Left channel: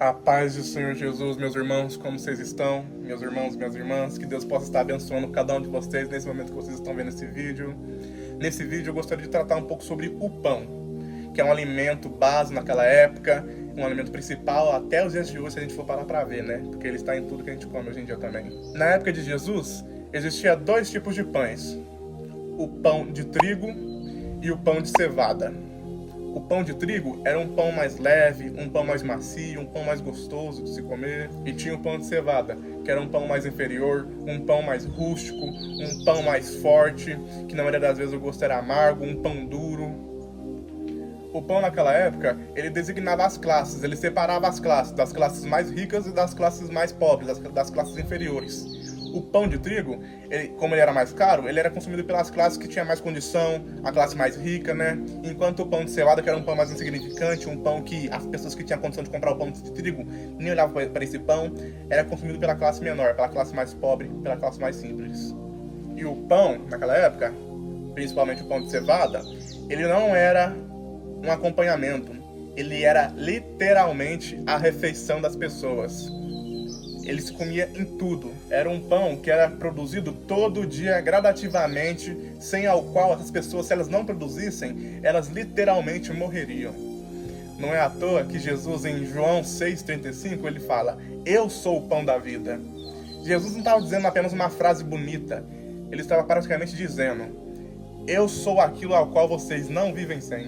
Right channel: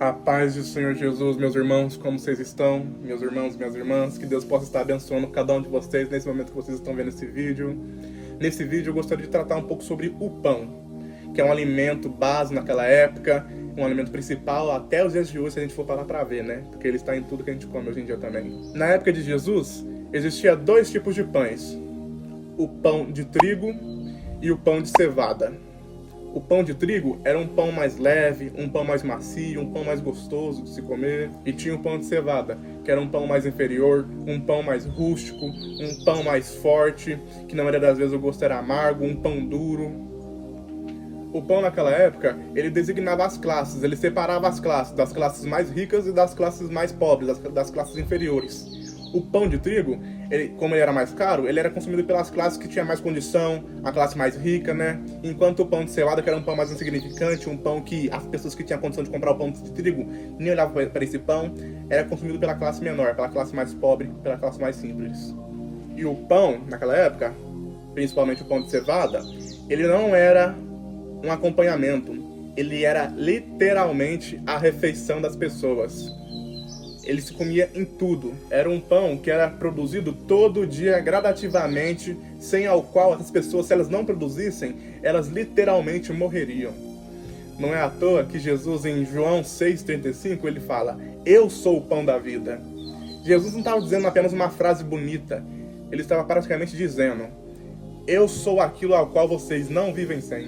A paz do Senhor Jesus, meus irmãos, como vocês estão? Meus irmãos, minhas irmãs, que Deus possa estar abençoando cada um de vocês nesse momento que vocês estão vendo esse vídeo. Nesse vídeo eu gostaria de tratar um pouco sobre o pão, que é um alimento base naquela época, um alimento principal até os dias de hoje, se a gente for parar para ver, né? Porque ele está em tudo que a gente come hoje em dia também. Na época de Jesus, existia dois tipos de pães: o pão de trigo e o pão de cevada. O pão de trigo era um pão mais leve, um pão mais macio, um pão mais gostoso de se comer. E tinha o pão de cevada, que era um pão mais inferior, um pão mais rústico, um pão mais forte, que na maioria das vezes o gosto era amargo, um pão duro. O pão naquela época, ele designava as classes, ele separava as classes, das classes mais ricas e das classes mais pobres, das classes inferiores. O pão de trigo, como ele era mais caro, ele era consumido pelas classes que tinham mais condição, a classe mais rica, né? Enquanto o pão de cevada, que era um pão mais insignificante, um pão que as pessoas que tinham condição de comprar o pão de trigo nem olhavam para esse pão, era consumido pela classe menor, pela classe mais pobre, pela classe mais simples. E o pão, naquela época, principalmente o pão de cevada, ele não era um acompanhamento, ele era literalmente a refeição das pessoas. Ele se comia em tudo. Era um pão que era produzido todo dia, gradativamente, sem ao qual essas pessoas, se elas não produzissem, elas literalmente morreriam. Não é à toa que Jesus, em João 6,35, ele fala: "Eu sou o pão da vida". Jesus não estava dizendo apenas uma frase bonita. Ele estava praticamente dizendo: "Eu sou aquilo ao qual vocês não vivem sem.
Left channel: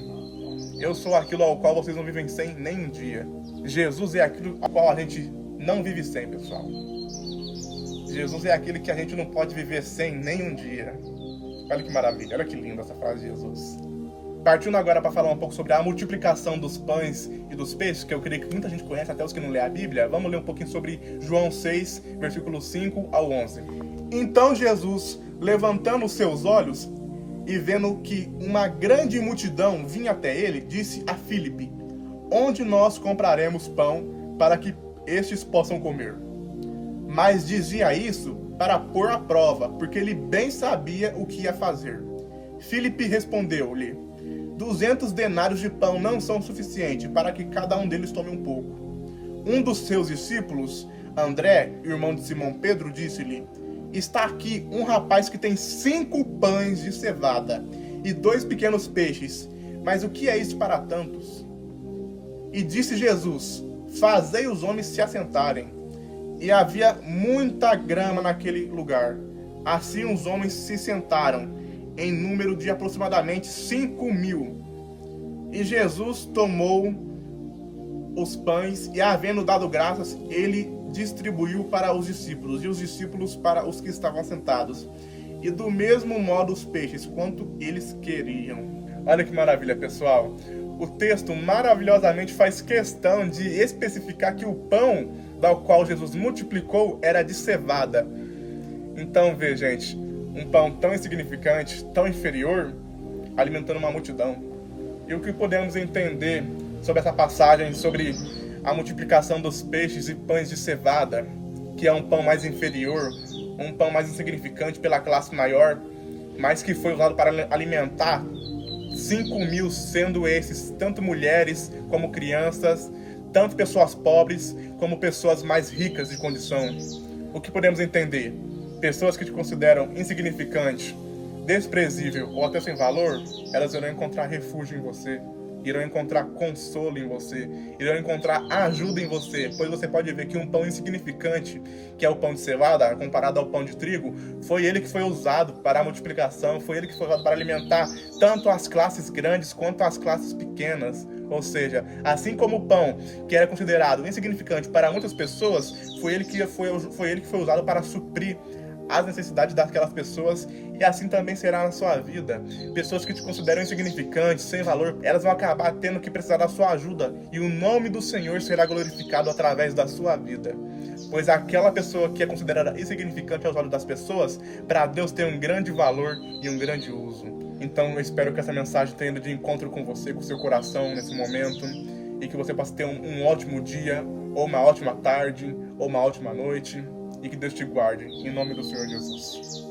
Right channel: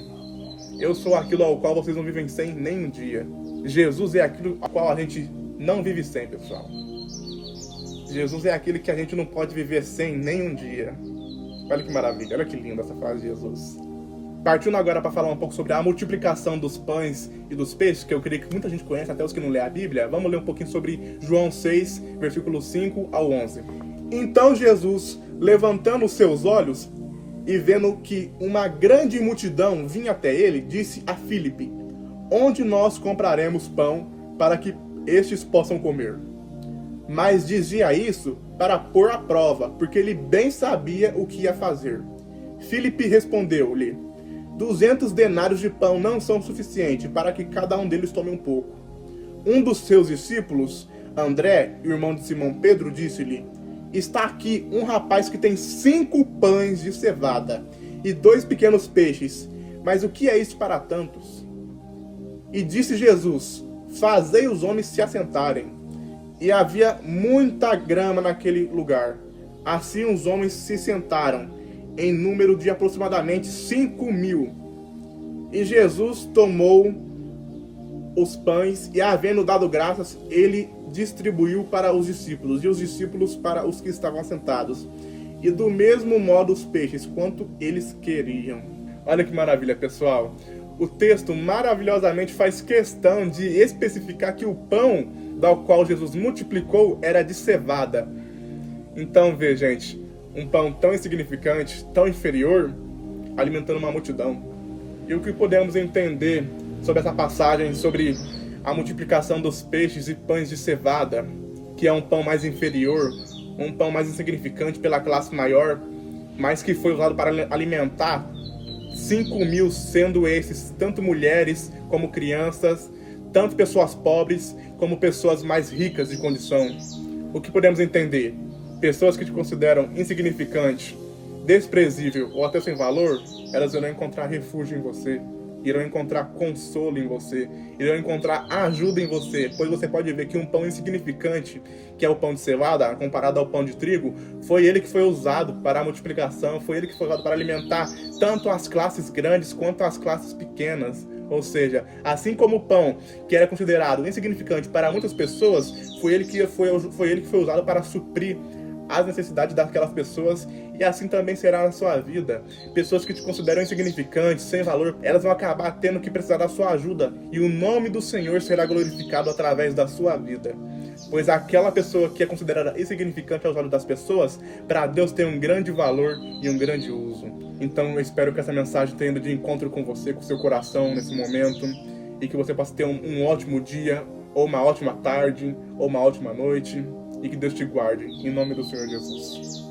Eu sou aquilo ao qual vocês não vivem sem nem um dia". Jesus é aquilo ao qual a gente não vive sem, pessoal. Jesus é aquele que a gente não pode viver sem nem um dia. Olha que maravilha, olha que linda essa frase de Jesus. Partindo agora para falar um pouco sobre a multiplicação dos pães e dos peixes, que eu creio que muita gente conhece, até os que não lê a Bíblia, vamos ler um pouquinho sobre João 6, versículos 5 ao 11. Então Jesus, levantando os seus olhos e vendo que uma grande multidão vinha até ele, disse a Filipe: "Onde nós compraremos pão para que estes possam comer?" Mas dizia isso para pôr à prova, porque ele bem sabia o que ia fazer. Filipe respondeu-lhe: 200 denários de pão não são suficientes para que cada um deles tome um pouco. Um dos seus discípulos, André, irmão de Simão Pedro, disse-lhe: "Está aqui um rapaz que tem 5 pães de cevada e 2 pequenos peixes, mas o que é isso para tantos?" E disse Jesus: "Fazei os homens se assentarem." E havia muita grama naquele lugar. Assim os homens se sentaram, em número de aproximadamente 5.000. E Jesus tomou os pães e, havendo dado graças, ele distribuiu para os discípulos, e os discípulos para os que estavam sentados. E do mesmo modo os peixes, quanto eles queriam. Olha que maravilha, pessoal. O texto maravilhosamente faz questão de especificar que o pão do qual Jesus multiplicou era de cevada. Então, vê, gente, um pão tão insignificante, tão inferior, alimentando uma multidão. E o que podemos entender sobre essa passagem, sobre a multiplicação dos peixes e pães de cevada, que é um pão mais inferior, um pão mais insignificante pela classe maior, mas que foi usado para alimentar 5.000, sendo esses tanto mulheres como crianças, tanto pessoas pobres como pessoas mais ricas de condição. O que podemos entender? Pessoas que te consideram insignificante, desprezível ou até sem valor, elas irão encontrar refúgio em você, irão encontrar consolo em você, irão encontrar ajuda em você, pois você pode ver que um pão insignificante, que é o pão de cevada, comparado ao pão de trigo, foi ele que foi usado para a multiplicação, foi ele que foi usado para alimentar tanto as classes grandes quanto as classes pequenas. Ou seja, assim como o pão, que era considerado insignificante para muitas pessoas, foi ele que foi usado para suprir as necessidades daquelas pessoas, e assim também será na sua vida. Pessoas que te consideram insignificantes, sem valor, elas vão acabar tendo que precisar da sua ajuda, e o nome do Senhor será glorificado através da sua vida. Pois aquela pessoa que é considerada insignificante aos olhos das pessoas, para Deus tem um grande valor e um grande uso. Então eu espero que essa mensagem tenha ido de encontro com você, com o seu coração nesse momento, e que você possa ter um ótimo dia, ou uma ótima tarde, ou uma ótima noite, e que Deus te guarde, em nome do Senhor Jesus.